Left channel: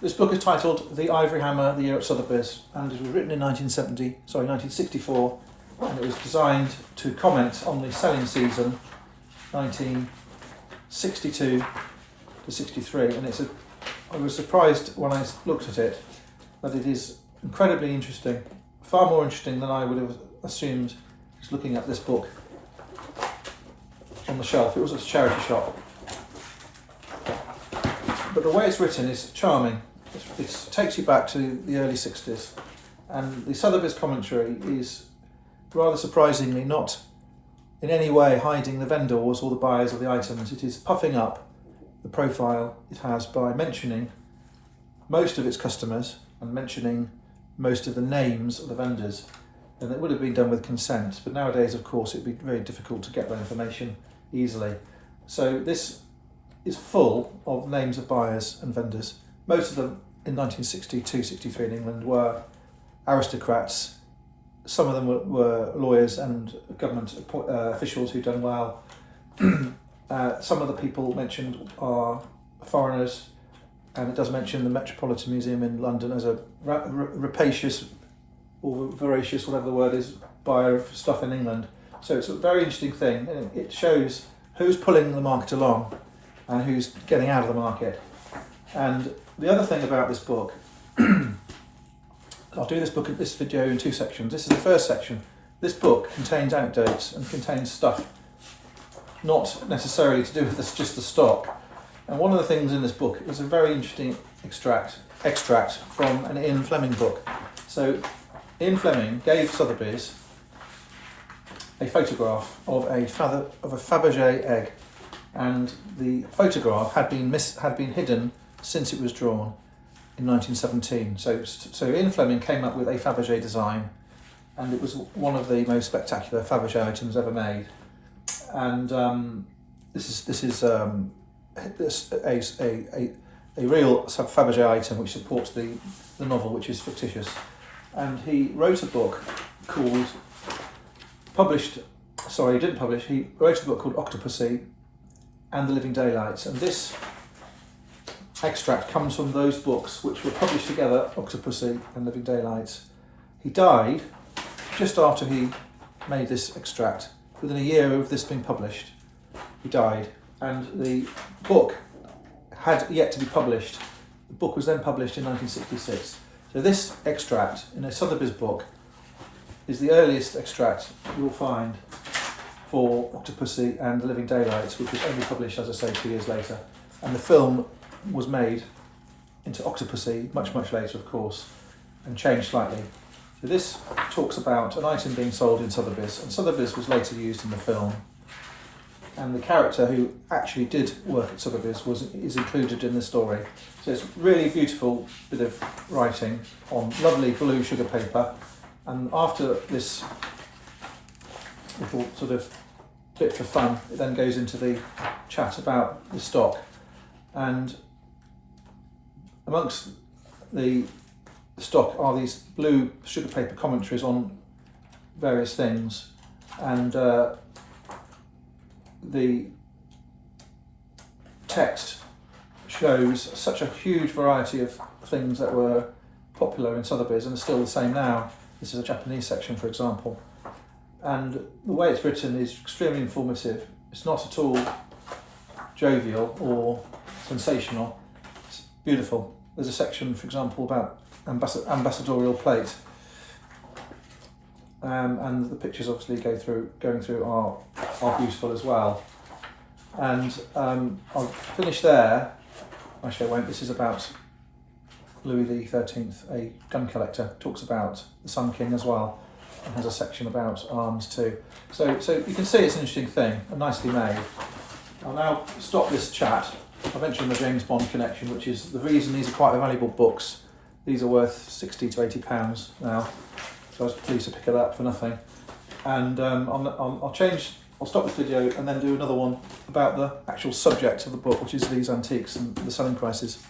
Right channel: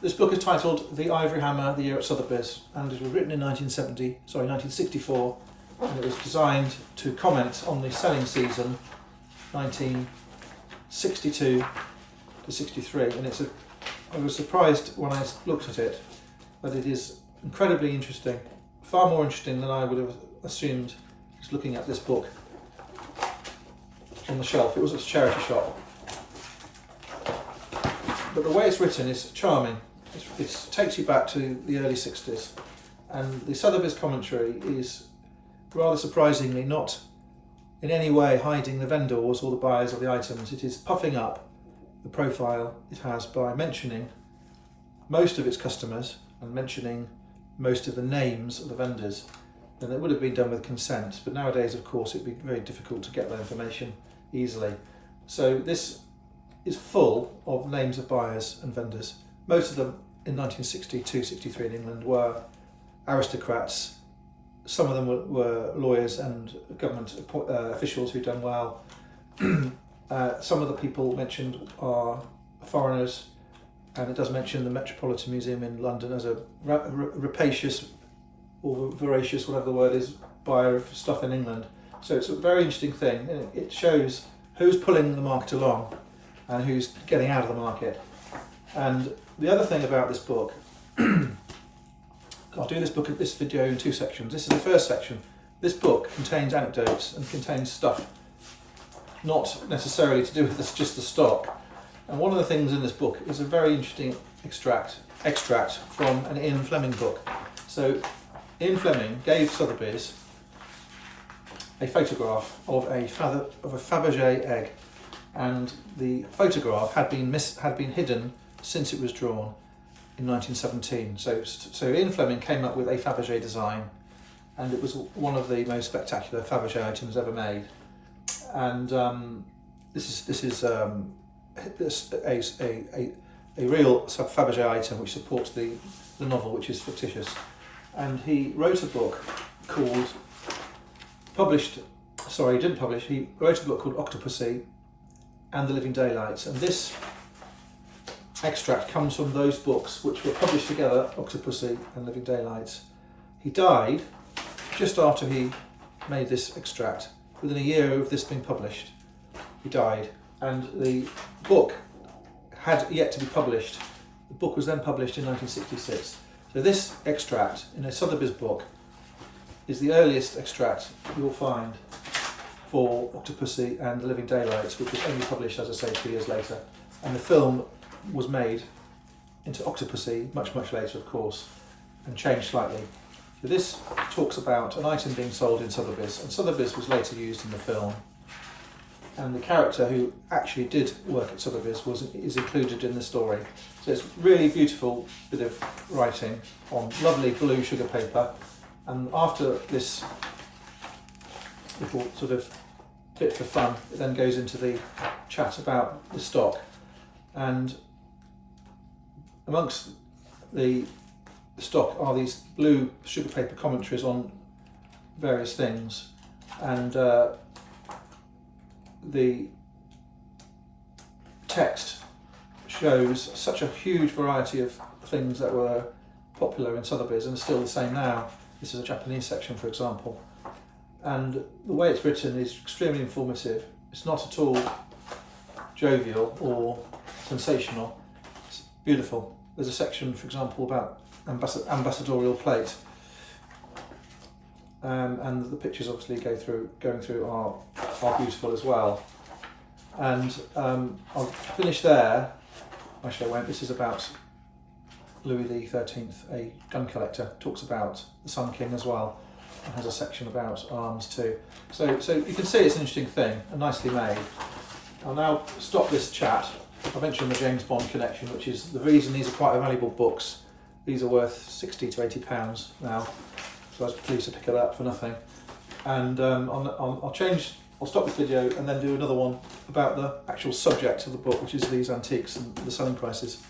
This book is titled The Ivory Hammer, the Year at Sotheby's, and it was written in 1964, and it was designed to comment on the selling season 1962 to 63. And I was surprised when I looked at it, but it is incredibly interesting, far more interesting than I would have assumed just looking at this book on the shelf. It was a charity shop. But the way it's written is charming. It takes you back to the early 60s, and the Sotheby's commentary is rather surprisingly not in any way hiding the vendors or the buyers of the items. It is puffing up the profile it has by mentioning most of its customers and mentioning most of the names of the vendors. And it would have been done with consent, but nowadays, of course, it'd be very difficult to get that information easily. So this is full of names of buyers and vendors. Most of them in 1962-63 in England were aristocrats. Some of them were lawyers and government officials who'd done well. Some of the people mentioned are foreigners, and it does mention the Metropolitan Museum in London as a rapacious or voracious, whatever the word is, buyer of stuff in England. So it's a very interesting thing, and it shows who's pulling the market along and who's getting out of the market. And the other thing about this book, I'll do this video in two sections. This is the first section. This book contains anecdotes and contains stuff not necessarily to do with just the stock. And one of the things in this book is a very interesting extract from an Ian Fleming book. So Ian Fleming gave Sotheby's a photograph of a Fabergé egg, and the photograph had been hidden since it was drawn in 1917. So Ian Fleming came up with a Fabergé design, and it was one of the most spectacular Fabergé items ever made. And this is a real Fabergé item which supports the novel, which is fictitious. And he wrote a book called, he wrote a book called Octopussy and the Living Daylights. And this extract comes from those books which were published together, Octopussy and Living Daylights. He died just after he made this extract. Within a year of this being published, he died, and the book had yet to be published. The book was then published in 1966. So this extract in a Sotheby's book is the earliest extract you will find for Octopussy and the Living Daylights, which was only published, as I say, 2 years later. And the film was made into Octopussy much, much later, of course, and changed slightly. So this talks about an item being sold in Sotheby's, and Sotheby's was later used in the film. And the character who actually did work at Sotheby's is included in the story. So it's really beautiful bit of writing on lovely blue sugar paper. And after this little sort of bit for fun, it then goes into the chat about the stock. And amongst the stock are these blue sugar paper commentaries on various things, and the text shows such a huge variety of things that were popular in Sotheby's and are still the same now. This is a Japanese section, for example, and the way it's written is extremely informative. It's not at all jovial or sensational. It's beautiful. There's a section, for example, about ambassadorial plate, and the pictures obviously going through are beautiful as well. And I'll finish there. Actually, I won't. This is about Louis XIII, a gun collector. Talks about the Sun King as well, and has a section about arms too. So you can see it's an interesting thing and nicely made. I'll now stop this chat. I mentioned the James Bond connection, which is the reason these are quite valuable books. These are worth £60 to £80 now, so I was pleased to pick it up for nothing. And I'll stop this video and then do another one about the actual subject of the book, which is these antiques and the selling prices.